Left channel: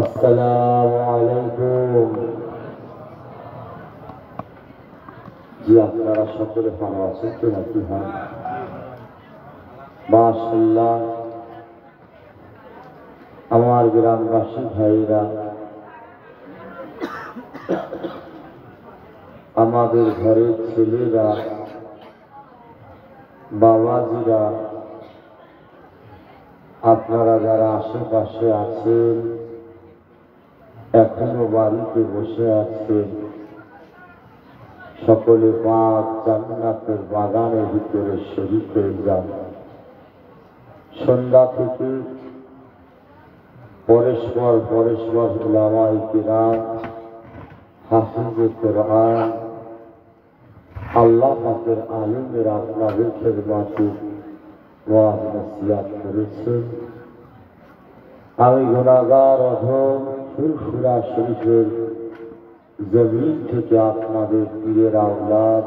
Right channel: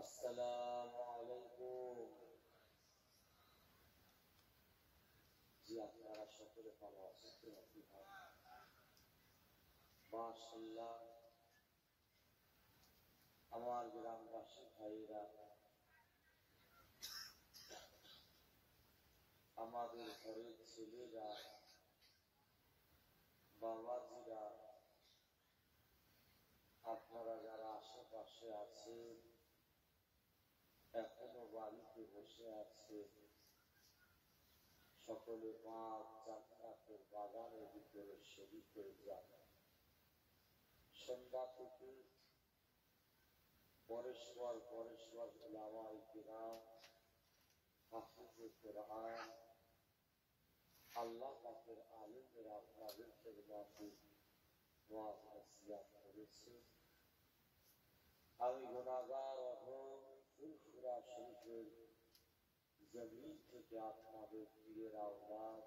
আসসালামু আলাইকুম। জি, আপনারা সকলে ভালো আছেন তো নাকি? হ্যাঁ, মাশাআল্লাহ। আমার গ্রামবাসী ভাইরা, আমাদের ঘরের ছেলেরা, বাবাজিরা, আপনারা যারা আশেপাশে আছেন, এখনো বাড়িতে বসে আছেন, সকলে পাক জান্নাতের বাগানের ভিতরে শরীক হয়ে যান। সন্ধ্যা থেকে পরস্পর উলামায়ে কিরাম, হাফিজে কোরআন, আল্লাহ পাকের আলিমের আপনাদের খেদমতে ওয়াজ নসিহত করেছেন। আমি গুনাহগার অধম ফুরফুরা শরীফের জমিন থেকে আপনাদের পীরের আওলাদ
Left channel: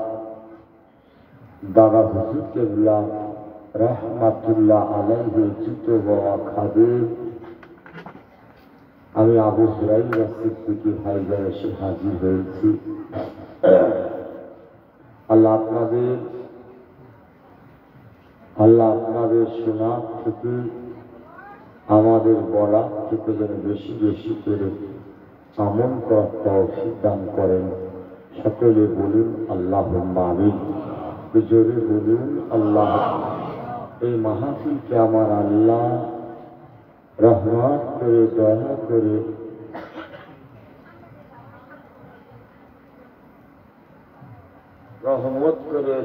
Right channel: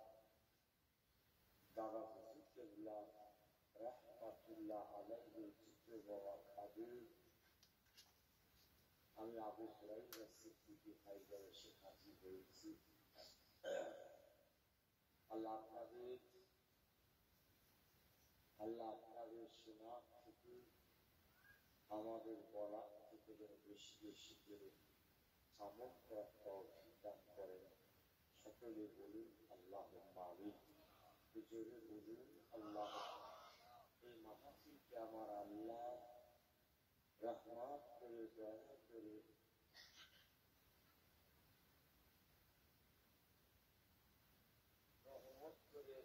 দাদা হুজুর কেবলা রহমাতুল্লাহ আলাইহি জুতো বাবা খাদেম, আমি আবু হুরাইরা সিদ্দিকী হায়দার এসে হাজির হয়েছি। আল্লাহ আপনাদের শোনা থেকে, আমাদের বলা থেকে যেন বেশি বেশি করে আমল করার তৌফিক দান করেন। সকলে বলুন আল্লাহুম্মা আমিন। জোরে বলুন আল্লাহ। এই মাহফিলকে আমার আল্লাহ রহমত করে,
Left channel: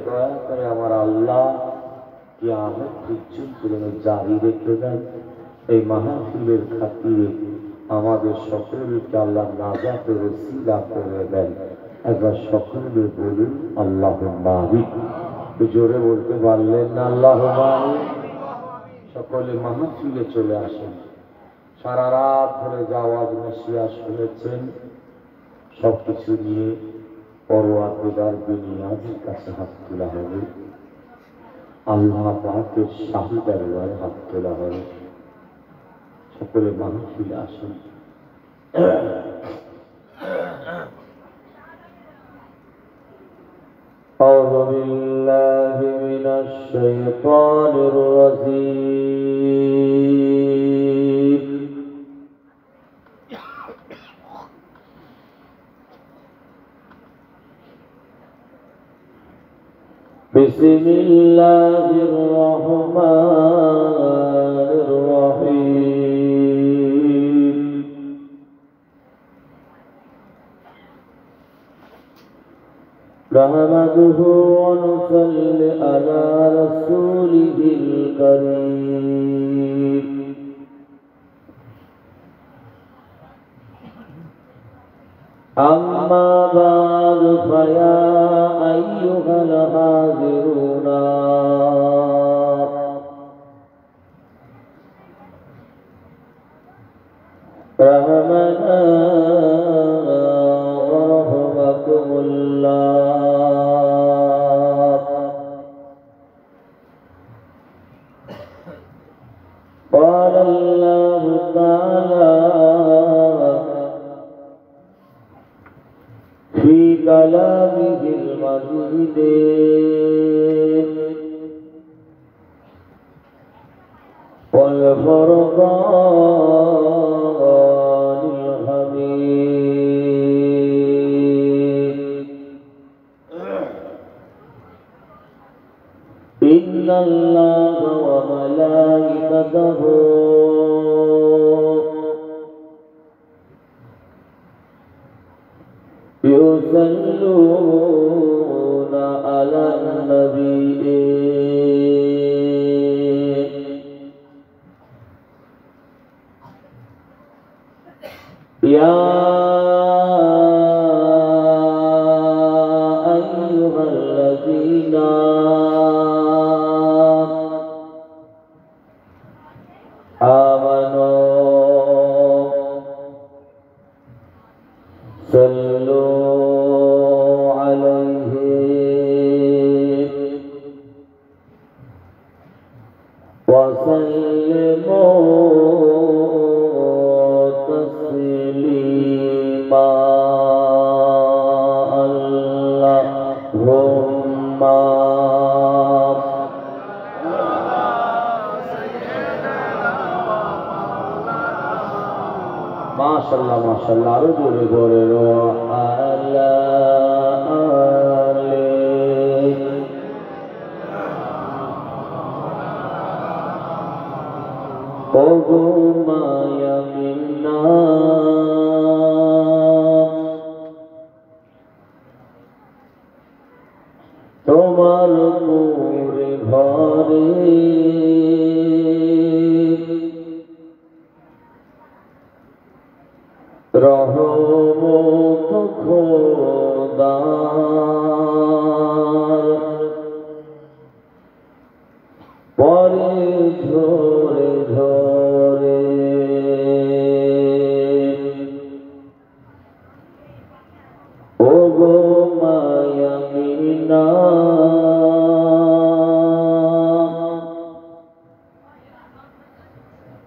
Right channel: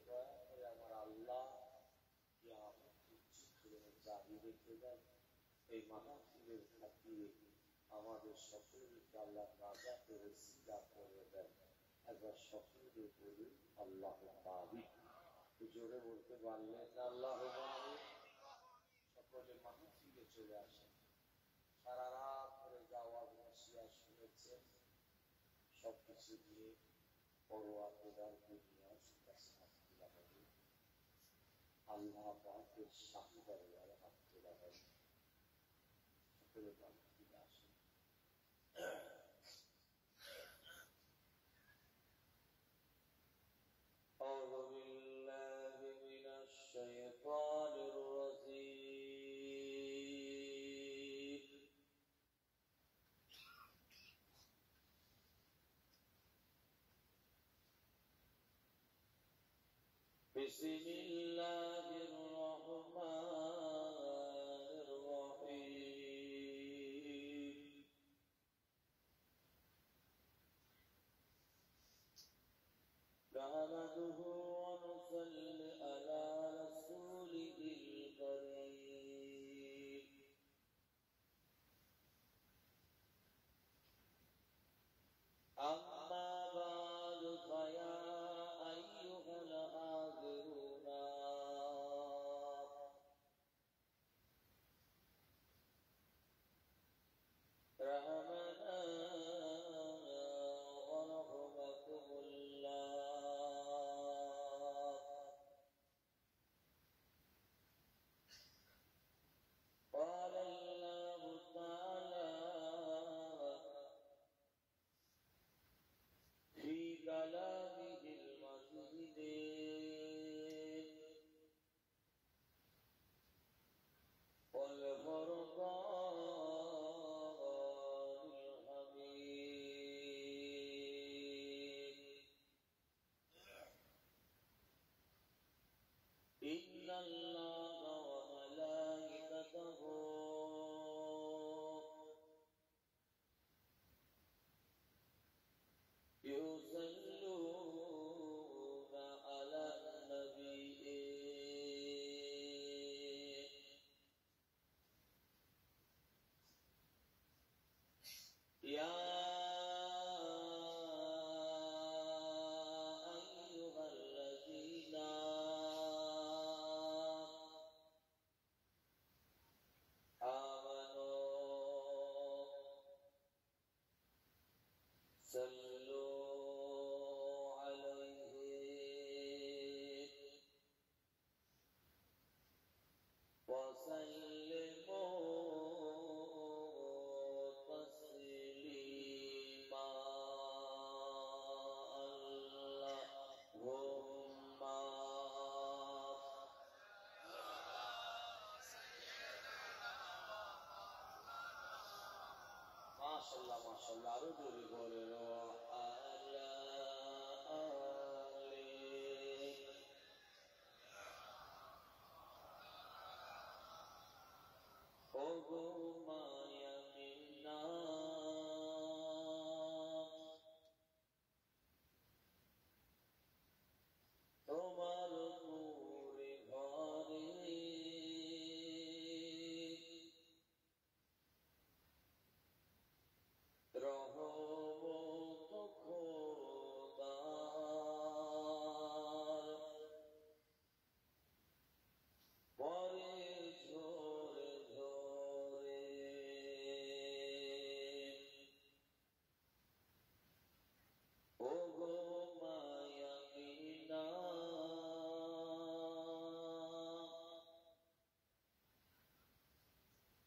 দয়া করে আমার আল্লাহ কিয়ামত পর্যন্ত জারি রেখে দেন। এই মাহফিলের খাতিরে আমাদের সকলকে আল্লাহ নাজাতের ওসিলা করে দেন। একবার সকলে বলুন আল্লাহুম্মা আমিন। জোরে বলতে পারলেন না আল্লাহুম্মা আমিন? সকলে মাহফিলে চলে আসেন। সারা রাত ধরে যা ওয়াজ নসিহত শুনেছেন, সবকিছু নিয়ে পরওয়ারদিগার বিনিয়াজের কাছে হাত তোলা হবে। আল্লাহ পাকের শাহী দরবারে হাত তোলা হবে। সকলে মাহফিলে আসেন। أعوذ بالله من الشيطان الرجيم. بسم الله الرحمن الرحيم. نحمده ونصلي على رسوله الكريم. أما بعد فيا أيها الحاضرون رحمنا ورحمكم الله. قال الله تعالى في كلامه المجيد والفرقان الحميد. إن الله وملائكته يصلون على النبي يا أيها الذين آمنوا صلوا عليه وسلموا تسليما. মাশাআল্লাহ মাশাআল্লাহ আরো জোরে বলেন আল্লাহ ও গো মায়া মিন্না তোমার মোরে ঘরে রহমত খোদার পরে ঝরে ঝরে ও গো মায়া মিনা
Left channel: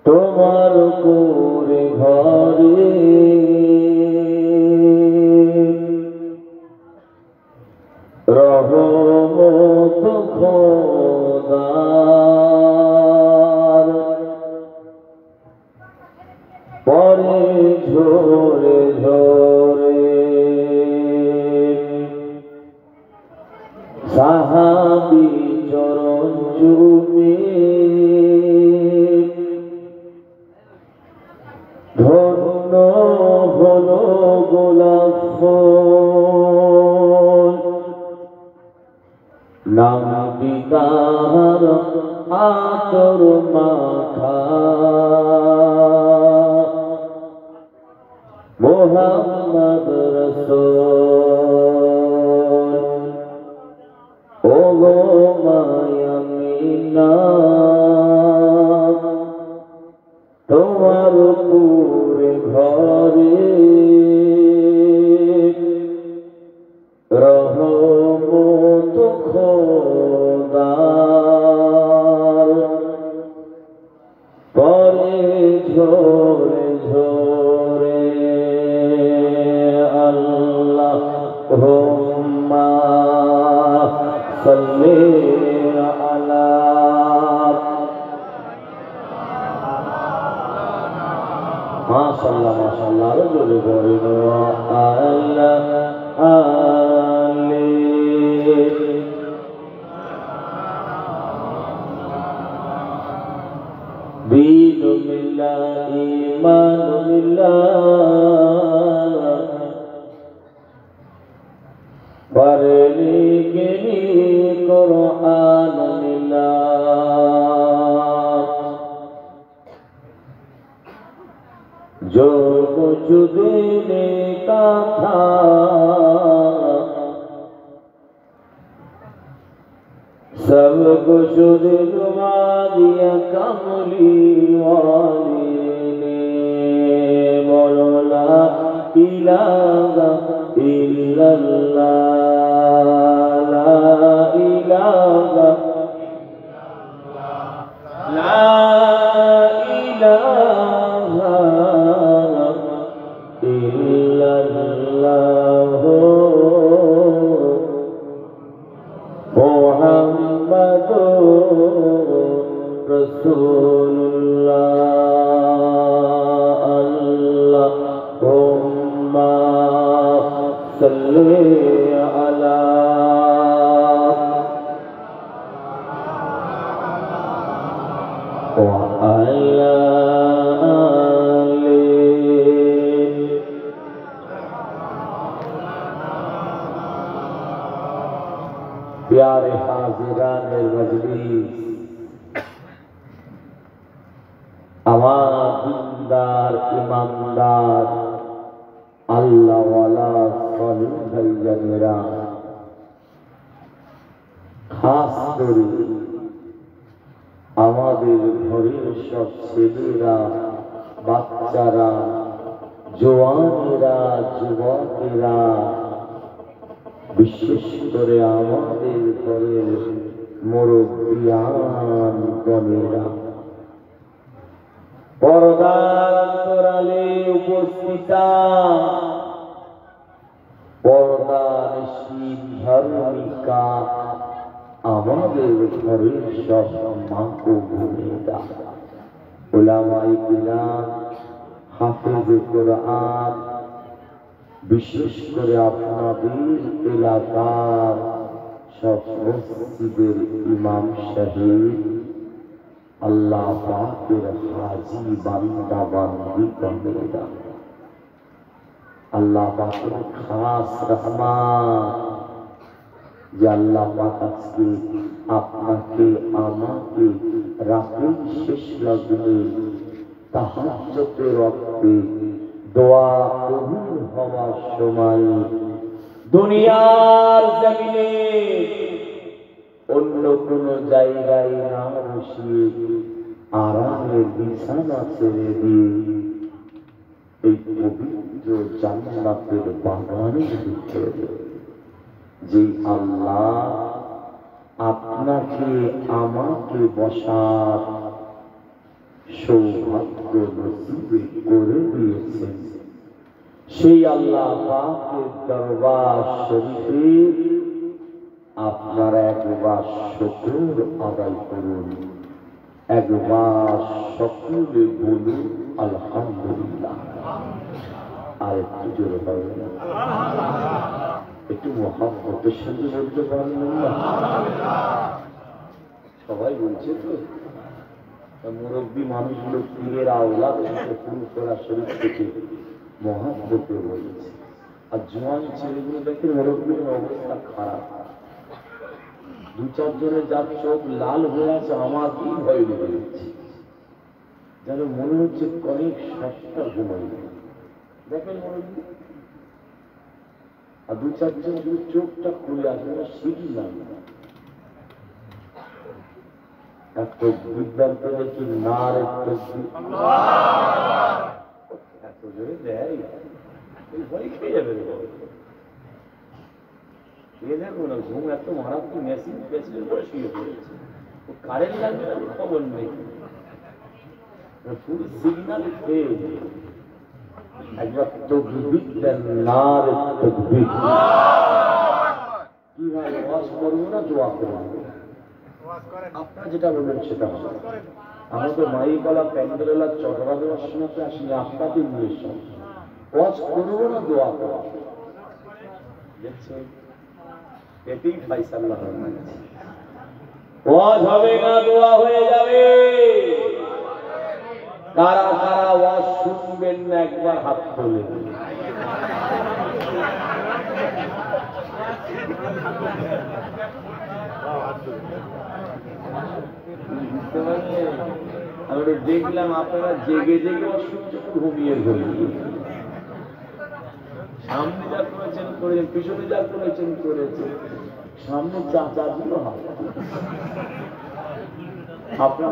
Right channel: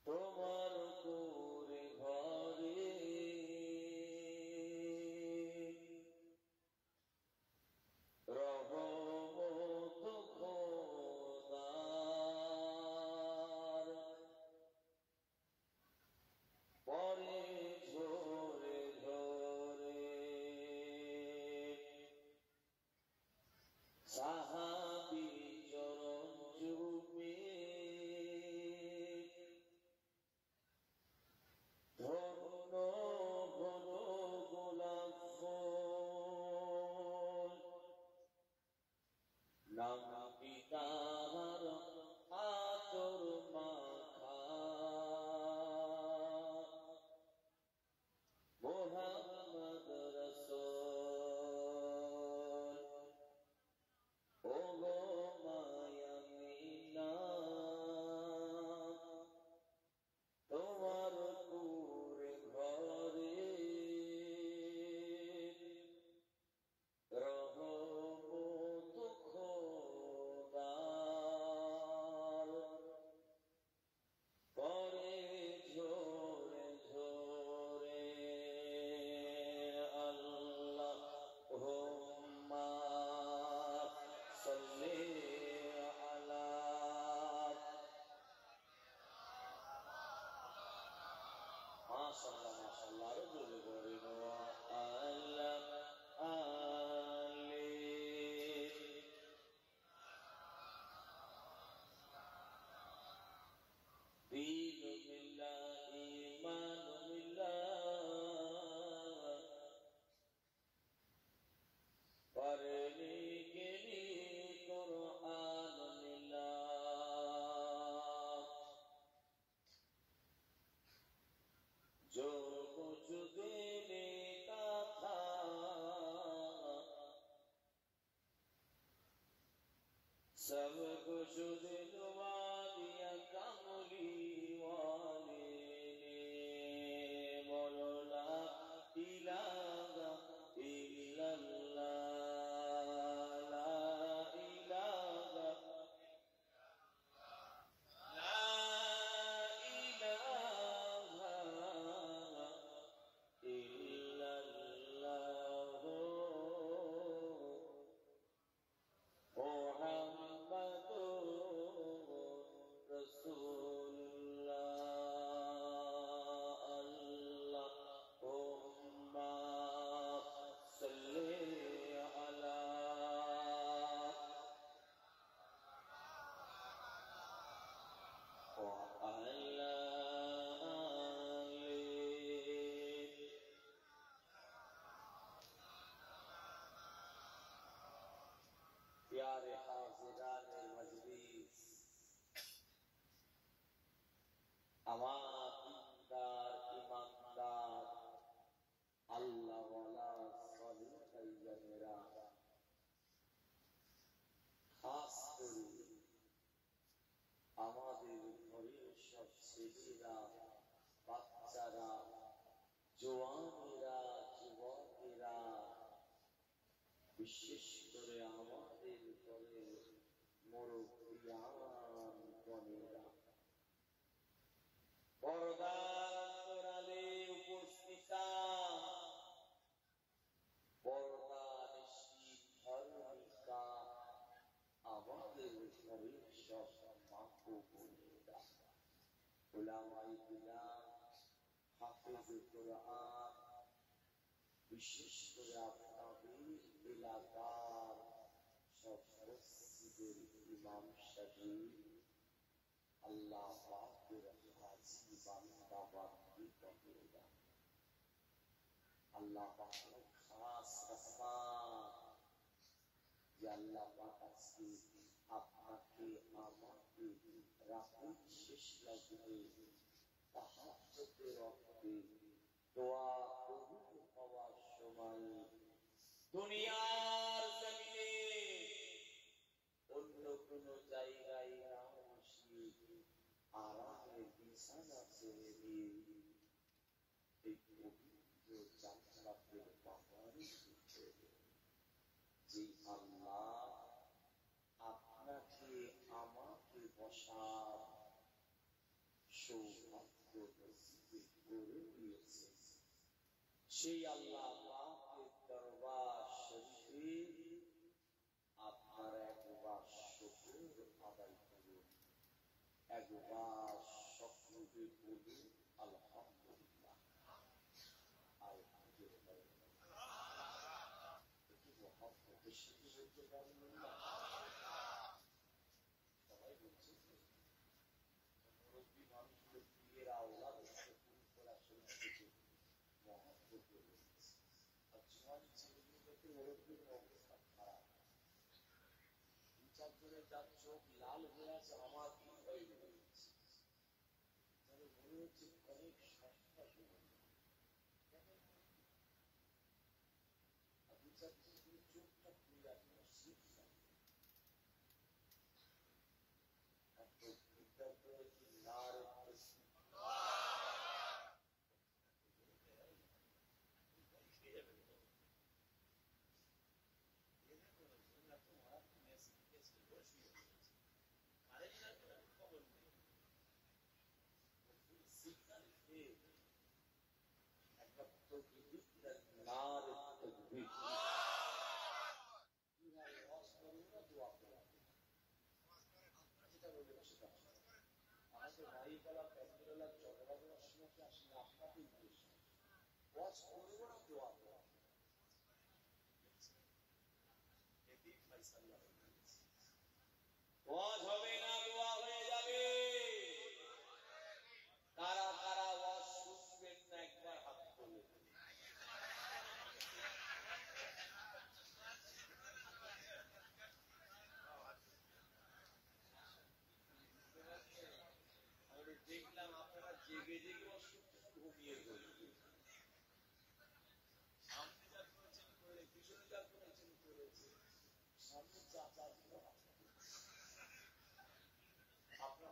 তোমার কোরে ঘরে রহমত খোদার পরে ঝরে ঝরে সাহাবী চরণ চুমে ধন্য হলো গোলাপ ফুল নাম পিতার আতর মাখা মুহাম্মদ রাসূল ও গো মায়া মিনা তোমার পুরে ঘরে রহমত খোদার পরে ঝরে ঝরে আল্লাহুম্মা সাল্লি আলা মাশাআল্লাহ মাশাআল্লাহ আরো জোরে বলেন আল্লাহ আলী দীন মিল্লাহ ঈমান মিল্লাহ পড়লি গেলি কুরআন মিল্লাহ जो कुछ देने का था सब कुछ दिलवा दिया कमली वाली ने बोलो ला इलाहा इल्लल्लाह ला इलाहा ला इलाहा इल्लल्लाह मुहम्मदुर रसूलुल्लाह अल्लाहुम्मा सल्ली अला व अला प्यारे हाजिरान मजलिस আমার দিনদার ইমানদার আল্লাহওয়ালা সালিম ভাইজানেরা খাস করে আমাদের ঘরের সব ছেলেরা বাচ্চারা জওয়ানেরা যুবকেরা বিশেষ করে আমাদের ঘরের মুরব্বিয়ান গণেরা পর্দার আড়ালে উপস্থিতা পর্দানিশীন ধার্মিকা আমাদের ঘরের সব মা ও বোনেরা উলামায়ে কিরাম হাফেজ হাফিজে কোরআন, বিশেষ করে আপনাদের এলাকার সব মসজিদের ইমাম সাহেব, আল্লাহ পাকের হাজি বান্দা বান্দিগণেরা, আল্লাহ পাকের খাস রহমত যে আল্লাহ পাক আজকে আপনাকে আমাকে রাতের শেষ লগ্নে তাহাজ্জুদের ওয়াক্তে দোয়া কবুল হওয়ার সময় দুনিয়ার জমিনে অন্য কোন জায়গায় না বসিয়ে আরামের বিছানা ছেড়ে দিয়ে এই পবিত্র জান্নাতের বাগানের ভিতরে যে আল্লাহ আপনাকে আমাকে বসার সৌভাগ্য নসিব করে দিয়েছেন, সেই আল্লাহ পাকের দরবার শরীফে আপনারা একবার শুকর আদায় করুন, একবার সকলে বলুন আলহামদুলিল্লাহ। আর একটু জোরে পাবেন, একটু মহাব্বতের সাথে বলতে পারবেন না? সবাই বলছে তো মুরব্বী মানুষগুলো পীরের আওলাদ শুরু করা শরীর থেকে মহাব্বতে বলছে, আর জোয়ান ছেলেগুলো দেখে মুরব্বীর অবস্থা খারাপ। দু চারজনের যার চোখ লাল হয়ে আছে, আমার কি ভয় লেগে যাচ্ছে, যেন মনে হচ্ছে অনেক সস্তা ঘুমাই দেখেন মুরব্বী। আর দু চারজন চোখটা খুলে আসে সিঁড়ি না, বিদ্যান্ত দেখি না এত জোরে দেয় ভয় খেয়ে যাবে। দেখো না ঘুম এত মারাত্মক মেশিন পেছনের পরে শুয়ে পড়েছে, কারেন্ট লাগবে খবর নেই, পুরো সিগন্যাল খেয়ে একবার তকবীর দেন, নার তকবীর। কি ভাই ওয়াজ করবো না দোয়া করবো? আপনারা যেটা বলবেন সেটা হবে। আমরা তো মাইকওয়ালা প্যান্ডেলা চটরা দেওয়ার সময় আসিনি, আপনাদের নিয়ে ওয়াজ করবো না দোয়া করবো? দেখছেন, এতেই ফাইসাল্লাহ ওয়াজ হবে না দোয়া হয়ে যাবে। কারা কারা ওয়াজ শুনবেন না একবার হাত তোলে। আমি দেখলাম আপনারা জেগে জেগে অসুস্থ ঘুমিয়ে ঘুমিয়ে, সামনে যা করেছেন করেছেন, পিছনে যা করেছেন করেছেন, সামনে চাচা দিল আপনার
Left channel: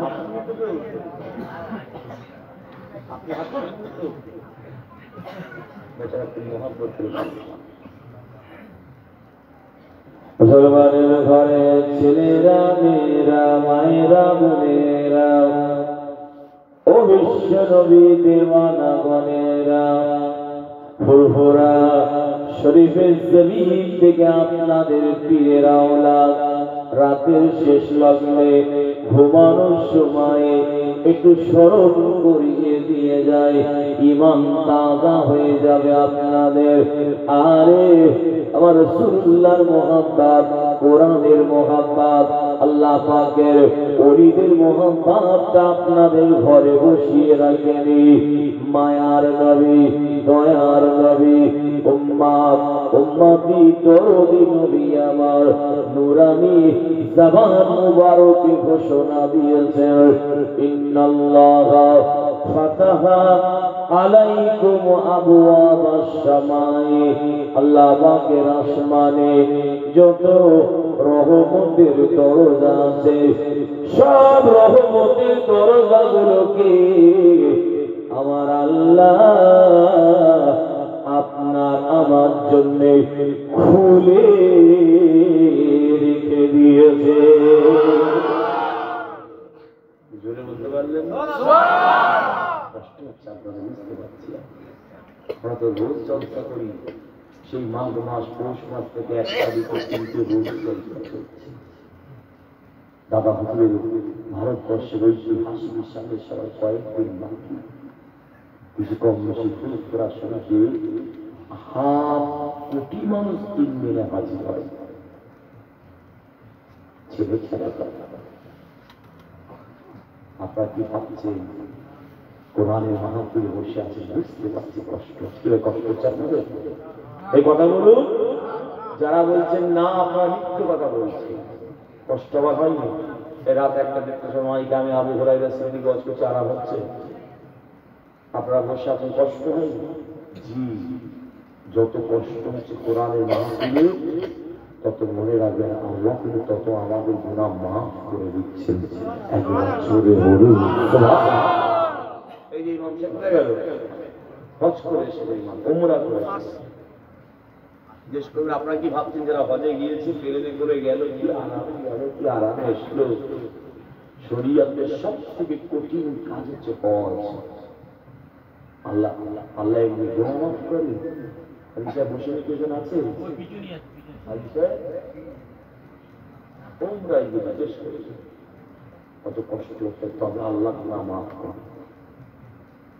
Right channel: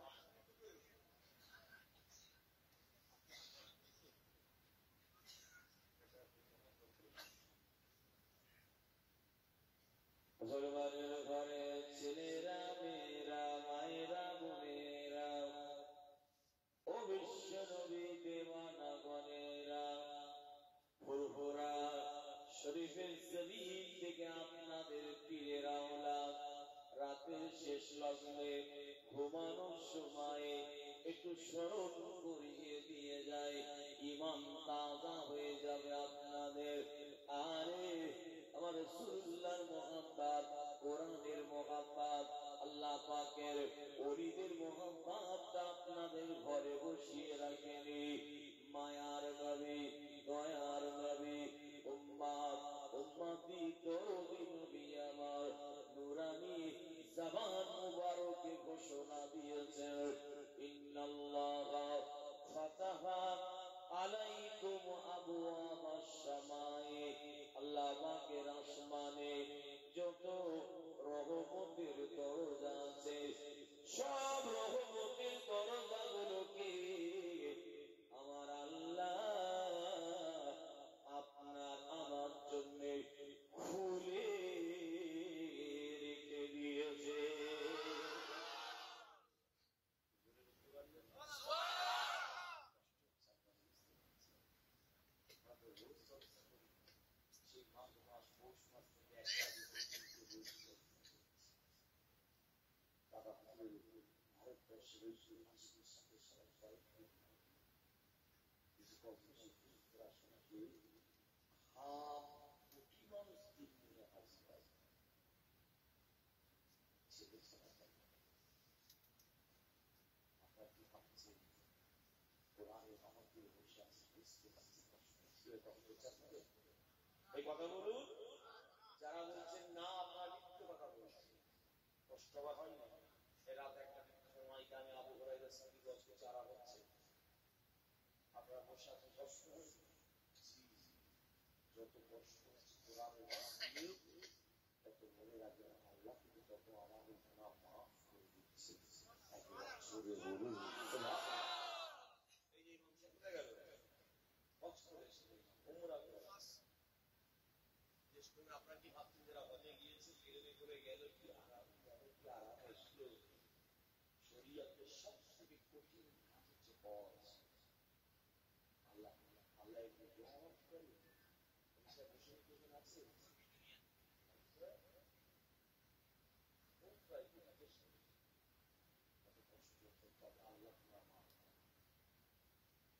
মুসলমানের ঘরে ছেলেরা মেয়েরা মায়েরা বোনেরা ও বিশ্ব নবী দেওয়ানা গণেরা, ফুরফুরা শরীফের জমিন থেকে আপনাদের পীরের আওলাদ রাতের শেষ লগ্নে ঘুমানোর সময় একটু স্মরণ করিয়ে দিয়ে যায়, ঈমান তাজা হয়ে যাবে আপনাদের। আরে আমার রাসূলুল্লাহর মুহাব্বত, কোরআনের মুহাব্বত, আল্লাহ পাকের ওলিদের মুহাব্বতটা আপনাদের ঘরে বসিয়ে রাখেনি। মায়ার নবী, দয়ার নবী, উম্মত উম্মতি দরদি নবী আমার নূরানী জবান মুবারকে ঘোষণা দিয়েছেন, ইন্নাল্লাহা ফাতাহা আলাইকুম আবওয়াবাস সামাই, আল্লাহ পাকের আসমানে যত রহমতের দরজা আছে, সব রহমতের দরজাগুলোকে আমার আল্লাহ আপনার আমার জন্য খুলে রেখে দিয়েছে। জোরে বলতে পারলেন? কষ্ট হচ্ছে আপনারা, বুঝতে পারছি। আমরা তো রোজ চর্চা করি, সেই মাঘ মাস পৌষ মাস থেকে 1 তারিখ পর্যন্ত রোজ চর্চা করছি। দাদা হুজুরের ভারতবর্ষের ঐতিহাসিক সামনে সবাই কয়েকদিন বাকি, কিছু কম বেশি ফুরফুরা শরীফে 5 কোটি মানুষ 3 দিনে হাজির হয়। ছেলে ছেলে আপনারা কি ভাবছেন? কোরআনের মাহফিলে বসে আছে, বুঝতে পারছি কষ্ট। কষ্ট হচ্ছে আপনাদের? এই কথা বলুন যারা বলছেন না আপনারা মিথ্যে কথা বলছেন। কষ্ট আবার হয়নি? রাত 1টা সময় আমি আবু হুরায়রা শ্রেণী গজ করছে, আরাম হচ্ছে, আপনারা বসে আছেন, কষ্ট হয়নি? জি, যত কষ্ট হচ্ছে কোরআনের মাহফিলে তত মনে রাখবেন আল্লাহ কিন্তু তত আমাদের গুনাহ মাফ করে দিচ্ছেন। একবার জোরে বলুন সুবহানাল্লাহ। এই যে ইমাম সাহেব কোথায় গেল? হজ করে এসে ইমাম উমরা করে জিজ্ঞেস করবেন আপনারা কি ভাবছেন যারা হজে গিয়েছে প্লেনে করে গেল কি আরামে গেল, কি আরামে এসলো? শরীয়তের সব থেকে কঠিন কাজ হচ্ছে হজ। আল্লাহ আল্লাহ এমনি গুনাহ মাফ করেন। আলিশা বসে কেজন আছে? আলিশা উমরায় গিয়ে জিজ্ঞেস করেছে কত কষ্ট হচ্ছে, তবে আল্লাহ গুনাহ মাফ করেন।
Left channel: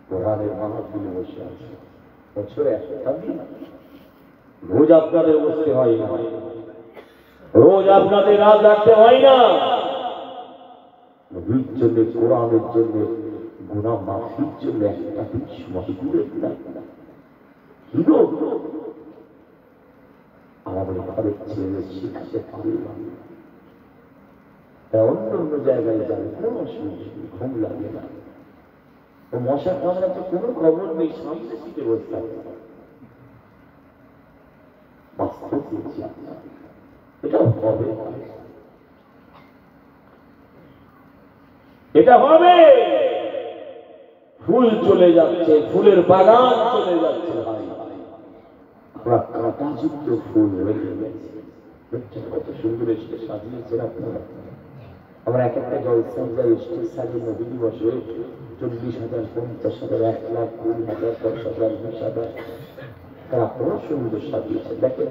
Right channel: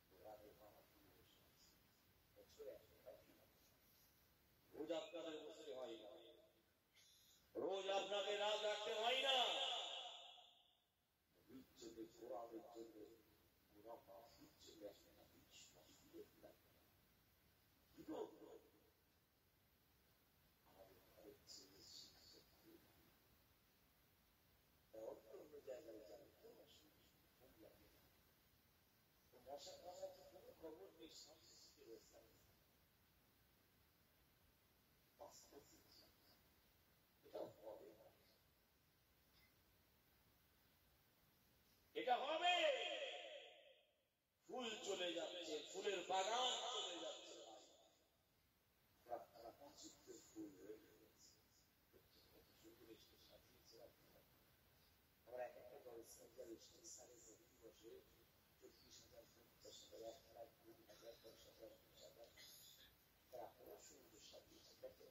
কোরআনের মাহফিলে বসে আছে, বছরে একটা দিন। রোজ আপনাদের বসতে হয় না, রোজ আপনাদের রাত রাখতে হয় না। নবীর জন্য, কোরআনের জন্য, গুনাহ মাফির জন্য একটা দিন সময় দিলে আমাদের ঘরের ছেলে শিখতে পারলাম, অন্য অন্য জায়গায় যাবে কোনো অসুবিধা, ঘুম লাগে না। ও মশা কামড়াতে কোনো খবর নেই, সামনে সিটে বসে থাকে। এটা হবে, এটা হবে। ফুল চলে যাচ্ছে, ফুলের বাগান চলে যাচ্ছে ভাই, কাঁটাযুক্ত ফুল রেখে গেছে। কত সুন্দর এসে সাজিয়েছেন আপনারা। আমরা এক একটা জলসান যাই, স্টেজ সাজিয়ে নবী দিবসে 40,000, 50,000, 1,00,000, 20,000, 10,000, 20,000 আপনারা সুন্দর সাজিয়েছেন। দেখেন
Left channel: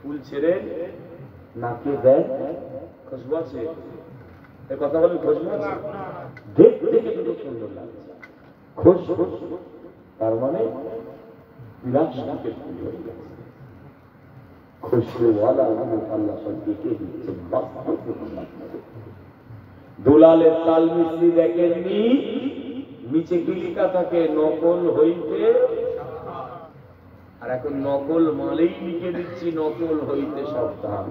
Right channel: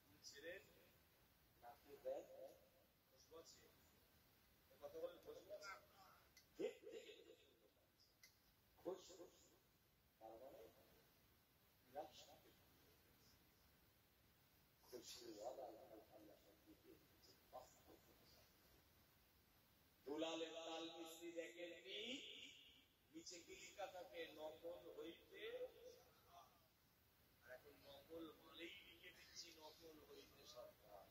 ফুল ছেড়ে নাকে দেয়, খুশবু আছে? এই কথা বলি, খুশবু আছে? দেখতে কিন্তু সুন্দর লাগছে, খুশবু। তার মানে বিলাসকে ফুল হয়ে গেছে, খুশবুওয়ালা আল্লাহ সব ডেকে দিচ্ছেন। দুলালের তাল মিস্ত্রি দেখেননি, নিচে কি লেখা থাকে? নকল হইতে। আর এখন নকল মালেই লিখে দিচ্ছি নকল হইতে সাবধান।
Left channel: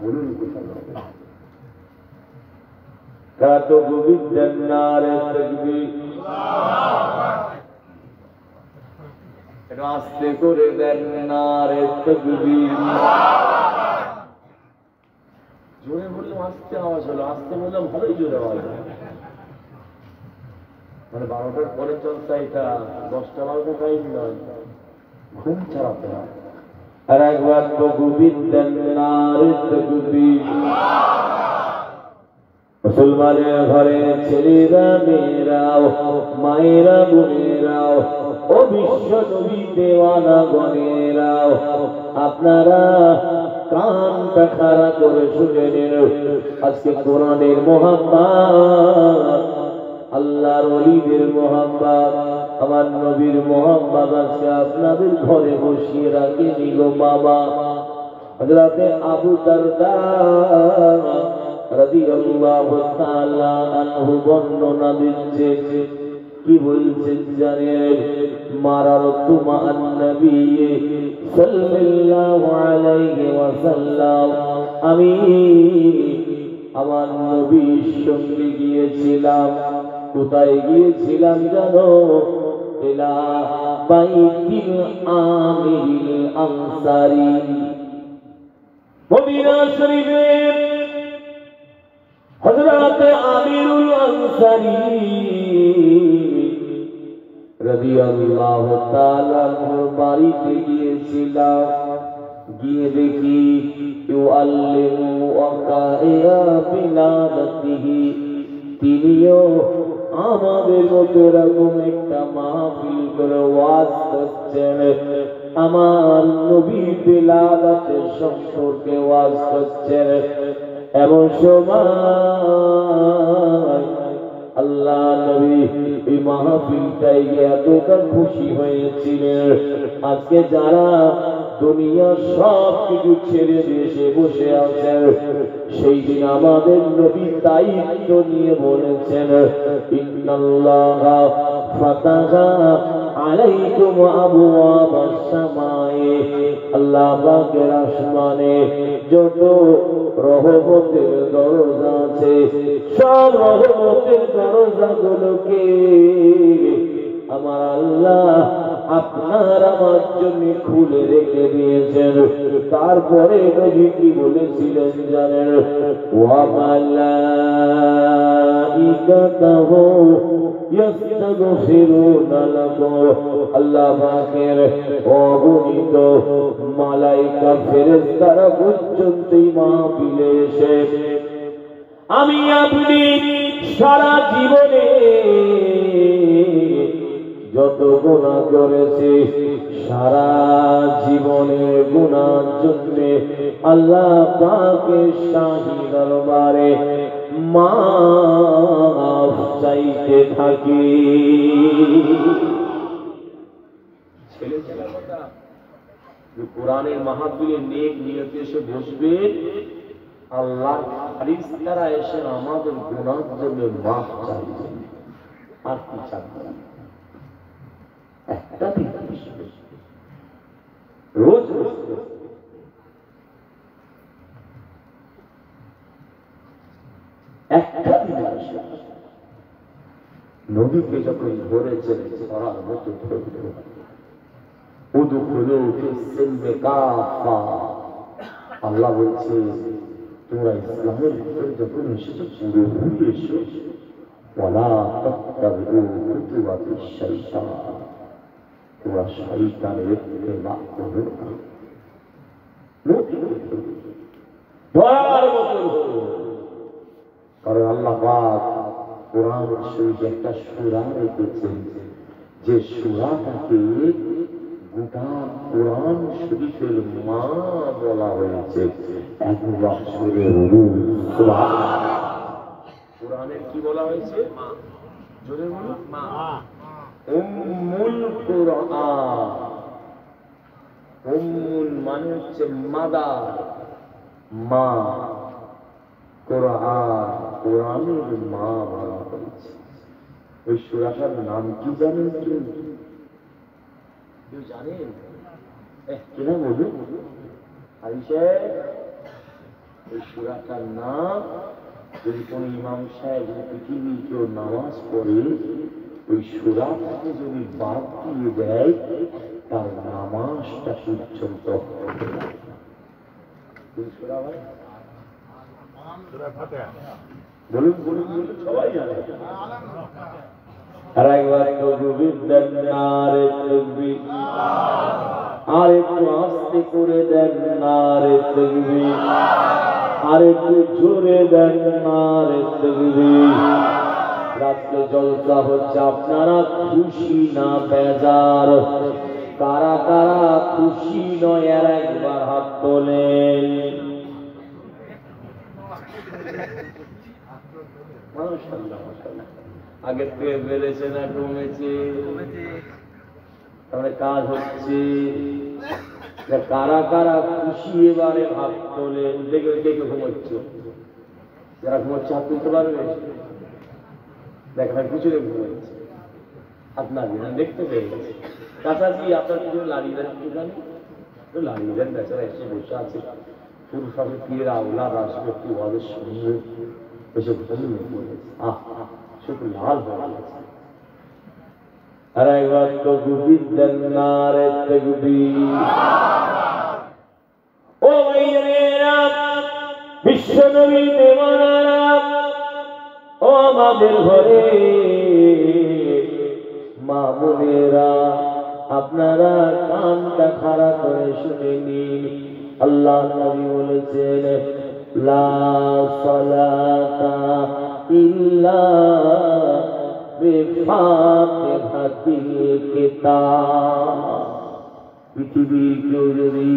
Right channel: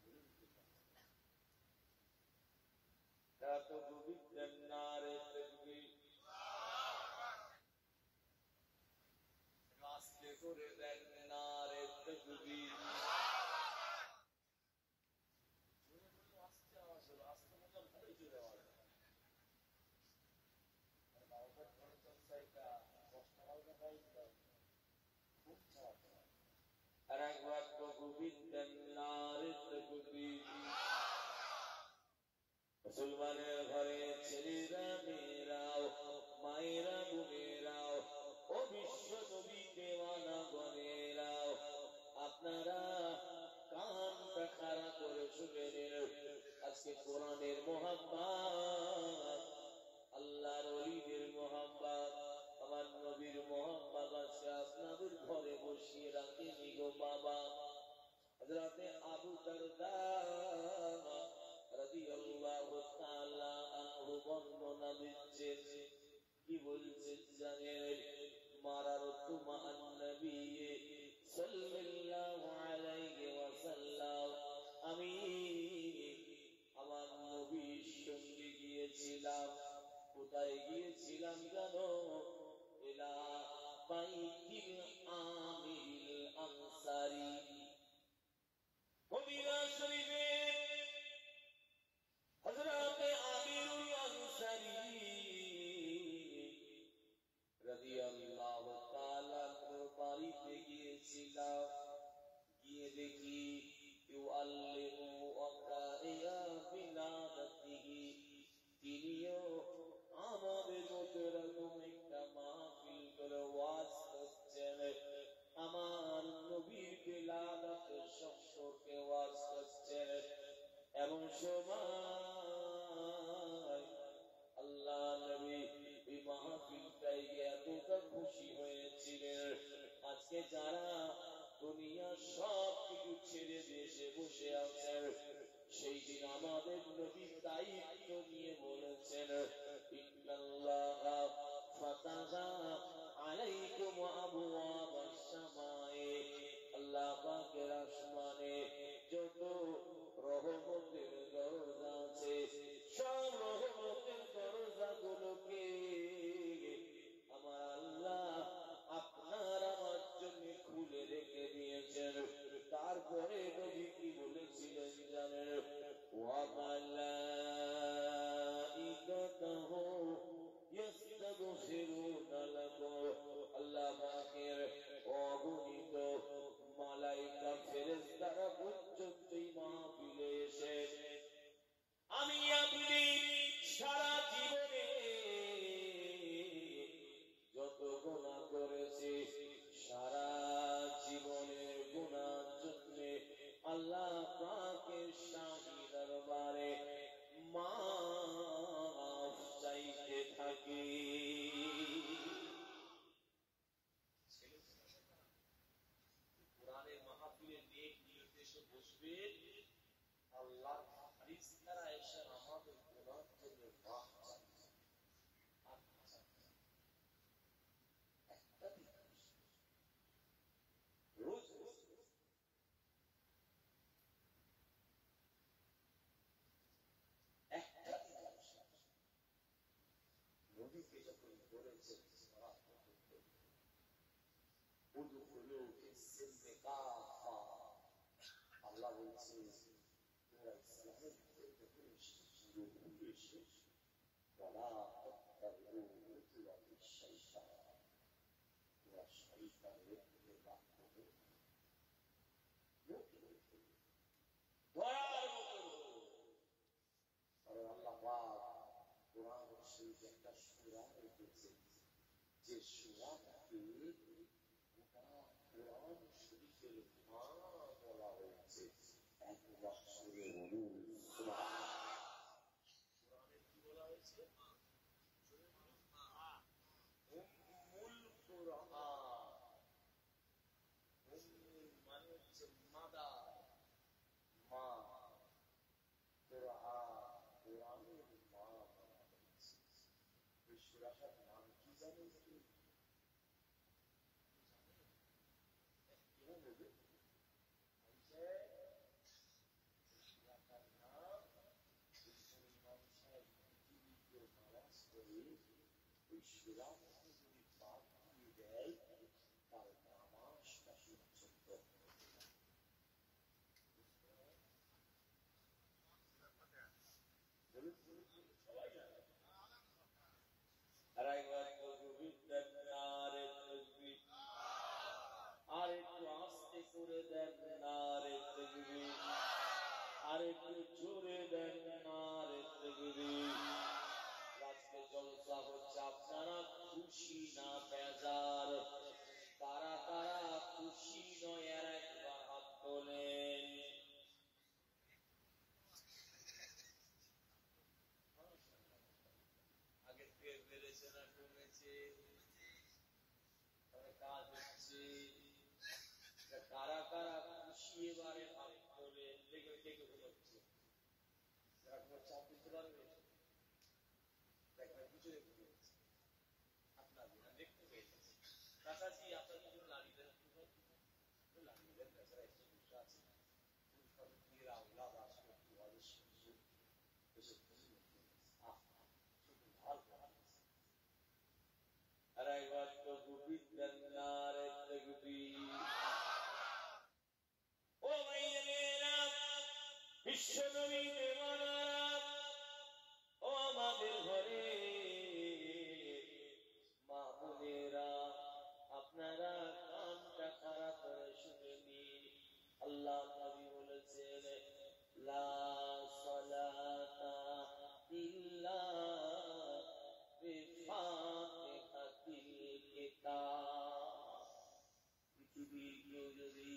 বলুন কোথায়? কত গোবিন্দের নারে তাকবীর, এটা আস্তে করে দেন নারে তাকবীর। জোরে বললাম আস্তে আওয়াজ হলো, আস্তে বললাম ভালোই জোরে আওয়াজ। মানে 12টার পরে চলছে এটা, 10টা 12টা টাইম নয়, ঘুম ছাড়াতে হয়। আর একবার তো গোবিন্দের নারে তাকবীর। মুসলমানের ঘরে ছেলেরা মেয়েরাও, মায়েরা বোনেরাও, ও বিশ্ব নবী দেওয়ানা গণেরাও, আপনারা কানটা খাড়া করে শুনে নিন। আজকে কোরআনের মোহাম্মদ, আল্লাহর ওলিদের মোহাম্মদ, আমার নবীর মোহাম্মদ আজকে আপনাদের ঘরে বসিয়ে রাখেনি গো বাবা। হযরতে আবু দারদা রাদিয়াল্লাহু তাআলা আনহু বর্ণনা দিচ্ছে, কি বলছেন জানেন? মারারতু মা'আন নবী সাল্লাল্লাহু আলাইহি ওয়াসাল্লাম, আমি আমার নবীর সঙ্গে গিয়েছিলাম। কোথায় গিয়েছিলাম জানো? ইলা বাইতিল আমিরিল আনসারী, মদিনা শরীফের হযরত আমিরুল আনসারী রাদিয়াল্লাহু তাআলা বাড়িতে গিয়েছিলাম। গিয়ে দেখি ইউআল্লিমু ওয়াকাইয়া বিলাদাতিহি, তিনিও আমাদের মতো এরকম একটা মাহফিল করে ওয়াজ করছেন, আমার নবী বিলাদাতের সম্পর্কে ওয়াজ করছেন। এমন সময় আল্লাহ নবী এই মাহফিলটাই এতটা খুশি হয়েছিলেন। আজকে যারা দুনিয়ার সব কিছু ছেড়ে দেশে বসে আছেন, সেই দিন আমাদের নবী দায়িত্ব নিয়ে বলেছেন, ইন্নাল্লাহা ফাতাহা আলাইকুম আবওয়াবাস সামায়ে, আল্লাহ পাকের আসমানে যত রহমতের দরজা আছে, সব রহমতের দরজাগুলোকে আমার আল্লাহ আপনার আমার জন্য খুলে রেখে দিয়েছেন। তারপরে নবী কি বলেছিলেন জানেন? ওয়া মালাইকাতুহু ইস্তাগফিরুনা লাকুম, আল্লাহ পাকের অগণিত মালাইকা ফেরেশতারা পর্যন্ত মাহফিলে এসে আমি আপনি সারা জীবনে যত গুনাহ করেছি, সারা জীবনের গুনার জন্য আল্লাহ পাকের শাহী দরবারে মাফ চাইতে থাকি। কোরআনের মাহফিলে নেক নিয়তে এসে বসবে, আল্লাহর ফেরেশতারা এসে আমাদের গুনার জন্য মাফ চাইবে, আর কি চাইবে? একটা দিন রোজ একটা দিন নবীকে যখন ধরেছেন ধরার মতো ধরল, উদখুলু ফিস-সিলমি কাফা, আল্লাহ বলছে তোমরা ইসলামের ভিতরে যখন এসেছো পুরোপুরি এসো, ওয়ালা তাত্তাবিউ খুতুওয়াতিশ শাইতান, তোমরা শয়তানের ইত্তেবা করো না। ধরার মতো কারণ আল্লাহ পাক কোরআন শরীফে একটা সূরা রেখেছেন, যে সূরাটাকে গোটা কোরআন শরীফের মা বলা হয়েছে। একবার সুরে বলুন সুবহানাল্লাহ। কোরআনের কি বলা হয়েছে? মা। জোরে বলুন মা। উম্মুল কোরআন। উম্মুল মানে হচ্ছে মাদার, মা। কোরআন কোরআনের মা বলা হয়েছে। ওই সূরাটার নাম কি জানেন? কেউ জানেন? কেনা বলুন আইসে। ওই সূরাটার নাম, যদি কোন ইমাম সাহেব পৃথিবীর কেউ নামাজ পড়ে ওই সূরাটাকে যদি বাদ দিয়ে দেয়, তার নামাজটা পর্যন্ত হবে না। কোন সূরা ভাই? বলুন বলুন বলুন, সবাই জানে। আর একবার তকবীর নারে তাকবীর, আর একটু আস্তে করে দেন নারে তাকবীর, আর একটু জোরে দেন নারে তাকবীর। রাতে জলসা হচ্ছে, আপনারা খুশি না বেজার? কারা কারা খুশি নয় আর একবার হাত তোলেন। আগের থেকে বেড়েছে না কমেছে? তাহলে কাজ হচ্ছে। কারা কারা খুশি এবারে হাত তোলেন। দেখে দেখে ঘুমাচ্ছে, যারা ঘুমাচ্ছে হাত তুলতে পারবে? দেখেন পিছনে ঘুমাচ্ছে, হাত না দিয়ে দেখতে পেয়ে গেছে। কাছাকাছি আপনার পিছনে লাড়িয়ে দেন, একটুখানি লাড়িয়ে দেন। বেচারা এসে বসে আছে, পুরুষ হবে পীর আওলাদ আসবে, একটু ওদের শুনবে, এসে ঘুমিয়ে পড়েছে। আহ শুধু লাল হয়ে গেছে। আর একবার তকবীর দেন নারে তাকবীর। ও ভাইয়েরা, বিশ্ব নবী দেওয়ানারা, ও আমাদের ঘরে মা বোনেরা, আপনারা কানটা খাড়া করে শুনে নিন। আল্লাহ নবী বলেছেন, লা সালাতা ইল্লা বিফাতিহাতিল কিতাব, পৃথিবীর কেউ যদি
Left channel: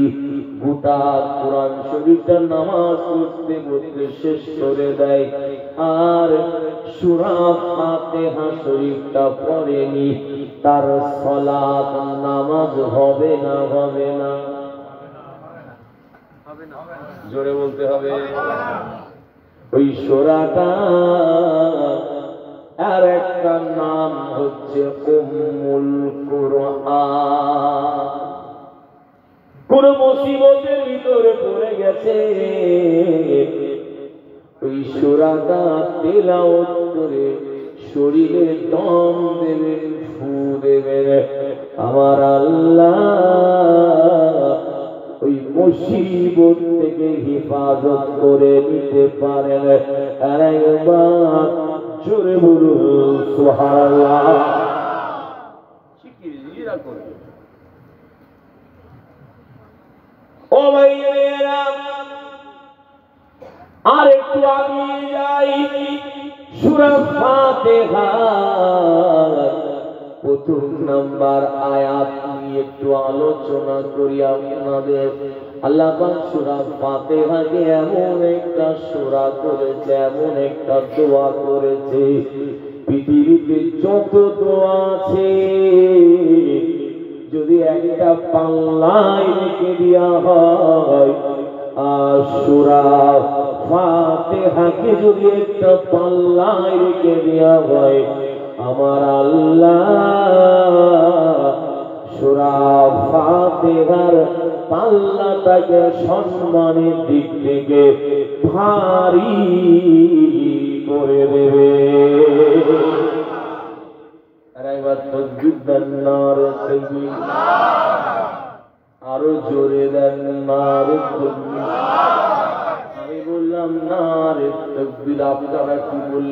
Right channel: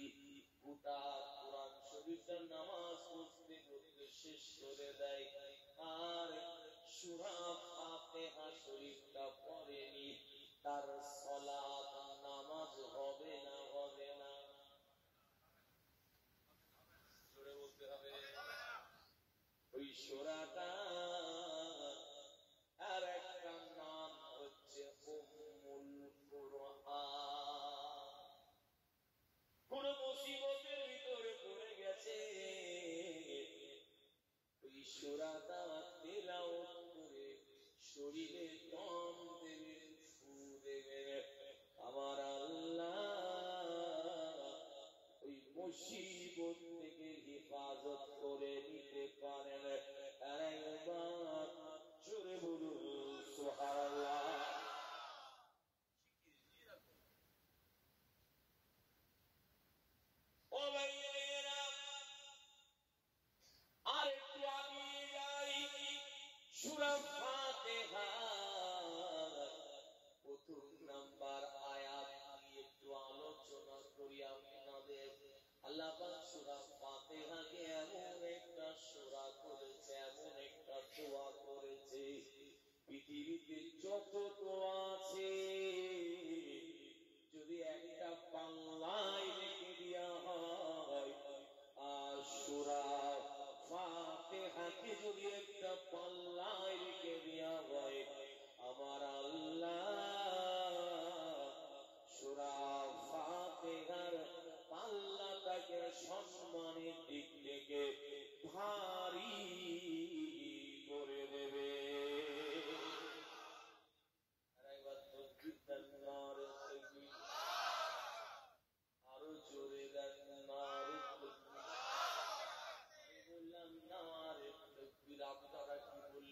গোটা কোরআন শরীফটা নামাজ পড়তে পড়তে শেষ করে দেয় আর সূরা ফাতিহা শরীফটা পড়েনি, তার সালাত নামাজ হবে না? হবে না? জোরে বলতে হবে। ওই সূরাটা আর একটা নাম হচ্ছে উম্মুল কুরআন। কোন মুসিবতের ভিতরে পড়ে গেছে, ওই সূরাটা তেলাওয়াত করে শরীরে দম দেবেন, ফু দেবেন, আমার আল্লাহ ওই মুসিবত থেকে হেফাজত করে নিতে পারেন। আর একবার জোরে বলুন সুবহানাল্লাহ। শিকিরা করে ও ভাইয়েরা, আর একটু আগিয়ে যাই। সূরা ফাতিহা প্রথম নাম্বার আয়াত নিয়ে একটু আলোচনা করি আপনাদের। আল্লাহ পাক সূরা ফাতিহাকে এমন একটা সূরা করেছে, এমন একটা দোয়া করেছে, পৃথিবীতে যত দোয়া আছে যদি একটা পাল্লায় রেখে দেওয়া হয়, আর সূরা ফাতিহাকে যদি একটা পাল্লায় রেখে দেওয়া হয়, আমার আল্লাহ সূরা ফাতিহার পাল্লাটাকে সম্মানের দিক থেকে ভারী করে দেবে। আর একবার তাকবীর দেন, নারে তাকবীর, আরো জোরে দেন, নারে তাকবীর। আমি বললাম নারে তাকবীর, আপনারা কি বললেন?